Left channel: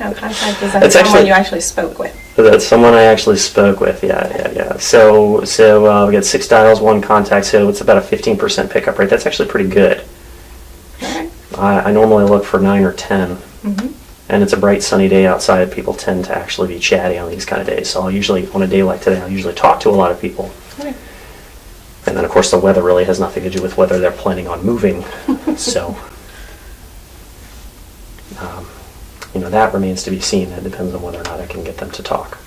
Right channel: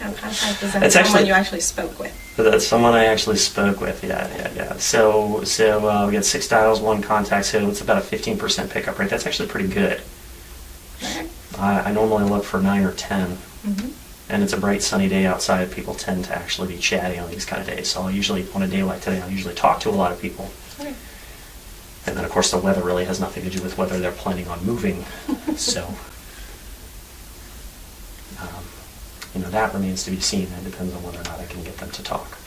No contact is that It's someone actually- you actually spoke with. That's someone I actually spoke with. Yeah. So we got 6 dials, 1 contact. So it's about a 15% pickup rate. That's actually pretty good. Okay. I normally look for 9 or 10. Mm-hmm. And it's a bright sunny day outside. People tend to actually be chatty on these kind of days. So I'll usually, on a day like today, I'll usually talk to a lot of people. Okay. And then, of course, the weather really has nothing to do with whether they're planning on moving. So, that remains to be seen. It depends on whether or not I can get them to talk.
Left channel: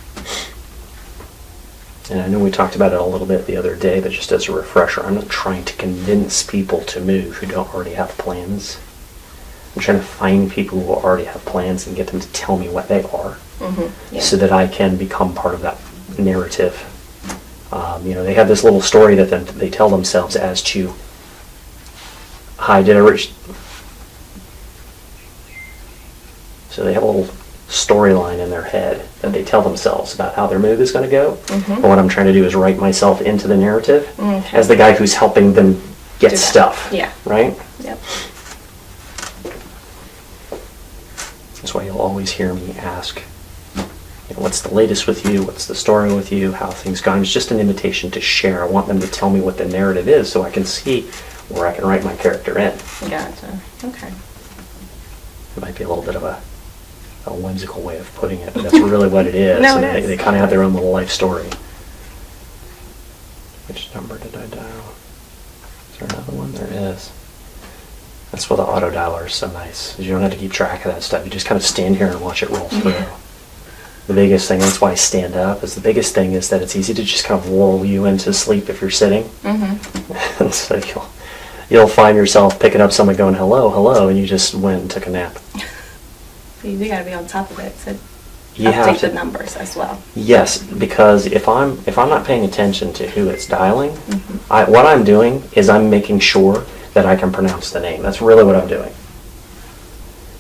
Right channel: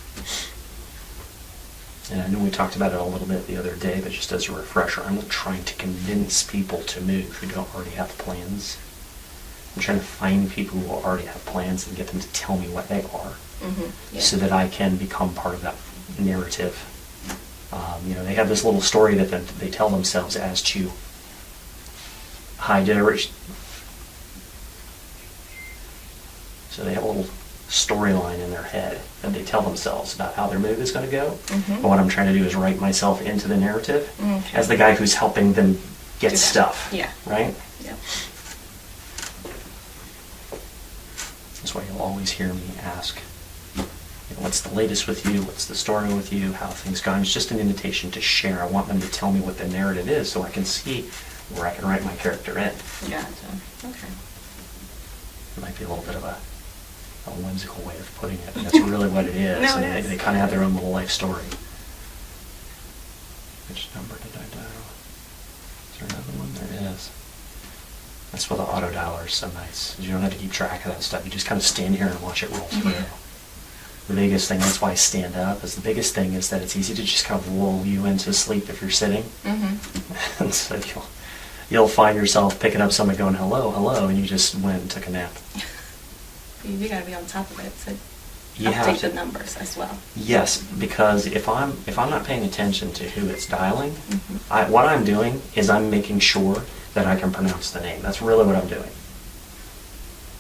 And I know we talked about it a little bit the other day, but just as a refresher, I'm not trying to convince people to move who don't already have plans. I'm trying to find people who already have plans and get them to tell me what they are, Mm-hmm. Yeah. so that I can become part of that narrative. They have this little story that they tell themselves as to, hi, did I reach... So they have a little storyline in their head that they tell themselves about how their move is going to go. Mm-hmm. And what I'm trying to do is write myself into the narrative Okay. as the guy who's helping them get Do that. stuff. Yeah. Right? Yep. That's why you'll always hear me ask, what's the latest with you? What's the story with you? How things gone? It's just an invitation to share. I want them to tell me what the narrative is so I can see where I can write my character in. Gotcha. Okay. It might be a little bit of a whimsical way of putting it, but that's really what it is. No, And it is. they kind of have their own little life story. Which number did I dial? Is there another one? There is. That's why the auto dialer is so nice. You don't have to keep track of that stuff. You just kind of stand here and watch it roll through. Yeah. The biggest thing, that's why I stand up, is the biggest thing is that it's easy to just kind of lull you into sleep if you're sitting. Mm-hmm. And so you'll find yourself picking up someone going, hello, hello, and you just went and took a nap. You do got to be on top of it to You have update to- the numbers as well. Yes, because if I'm not paying attention to who it's dialing, Mhm. what I'm doing is I'm making sure that I can pronounce the name. That's really what I'm doing.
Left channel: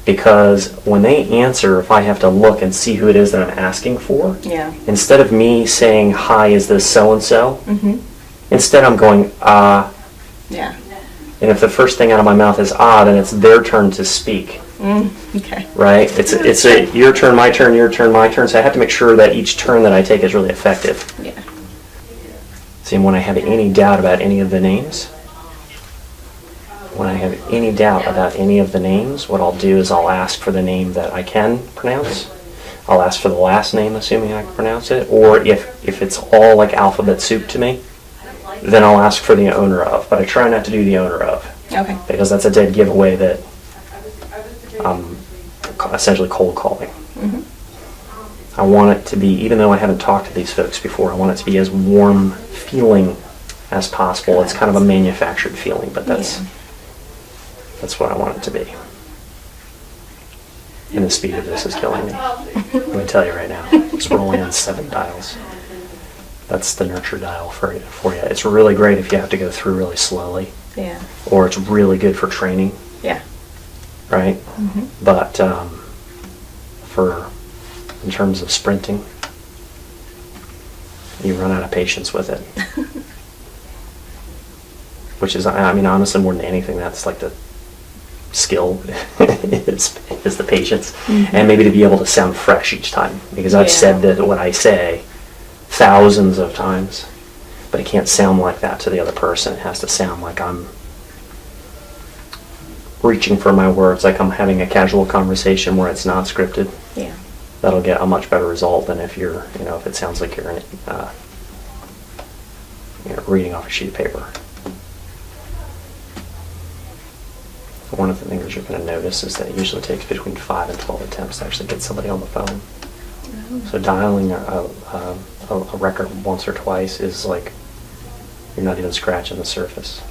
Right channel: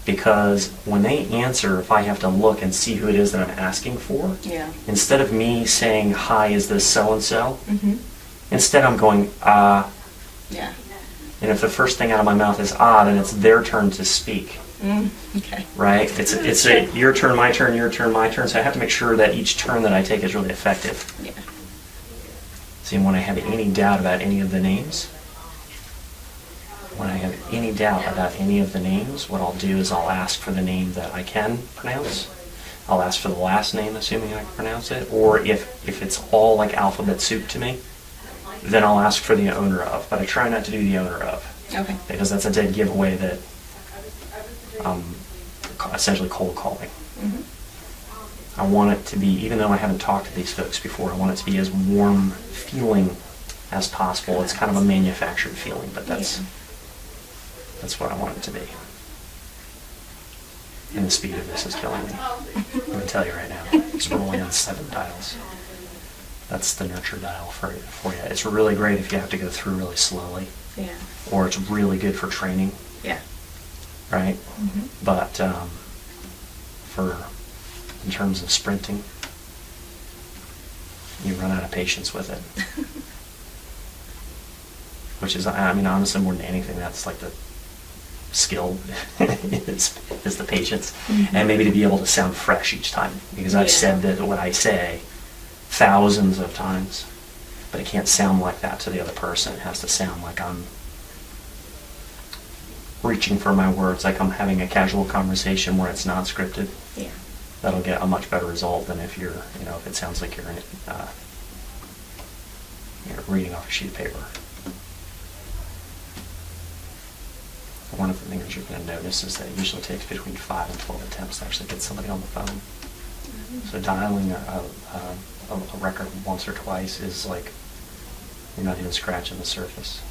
Because when they answer, if I have to look and see who it is that I'm asking for, Yeah. instead of me saying, hi, is this so-and-so, Mm-hmm. instead I'm going, Yeah. and if the first thing out of my mouth is then it's their turn to speak. Okay. Right? It's a your turn, my turn, your turn, my turn. So I have to make sure that each turn that I take is really effective. Yeah. See, when I have any doubt about any of the names, what I'll do is I'll ask for the name that I can pronounce. I'll ask for the last name, assuming I can pronounce it. Or if it's all like alphabet soup to me, then I'll ask for the owner of. But I try not to do the owner of, Okay. because that's a dead giveaway that I'm essentially cold calling. Mm-hmm. I want it to be, even though I haven't talked to these folks before, I want it to be as warm feeling as possible. It's kind of a manufactured feeling, but that's what I want it to be. And the speed of this is killing me. I'm going to tell you right now. It's rolling in 7 dials. That's the nurture dial for you. It's really great if you have to go through really slowly, Yeah. or it's really good for training, Yeah. right? Mm-hmm. But in terms of sprinting, you run out of patience with it. Which is, I mean, honestly, more than anything, that's like the skill is the patience. Mm-hmm. And maybe to be able to sound fresh each time. Because I've Yeah. said that what I say thousands of times, but it can't sound like that to the other person. It has to sound like I'm reaching for my words, like I'm having a casual conversation where it's not scripted. Yeah. That'll get a much better result than if you're, if it sounds like you're reading off a sheet of paper. One of the things you're going to notice is that it usually takes between 5 and 12 attempts to actually get somebody on the phone. So dialing a record once or twice is like you're not even scratching the surface.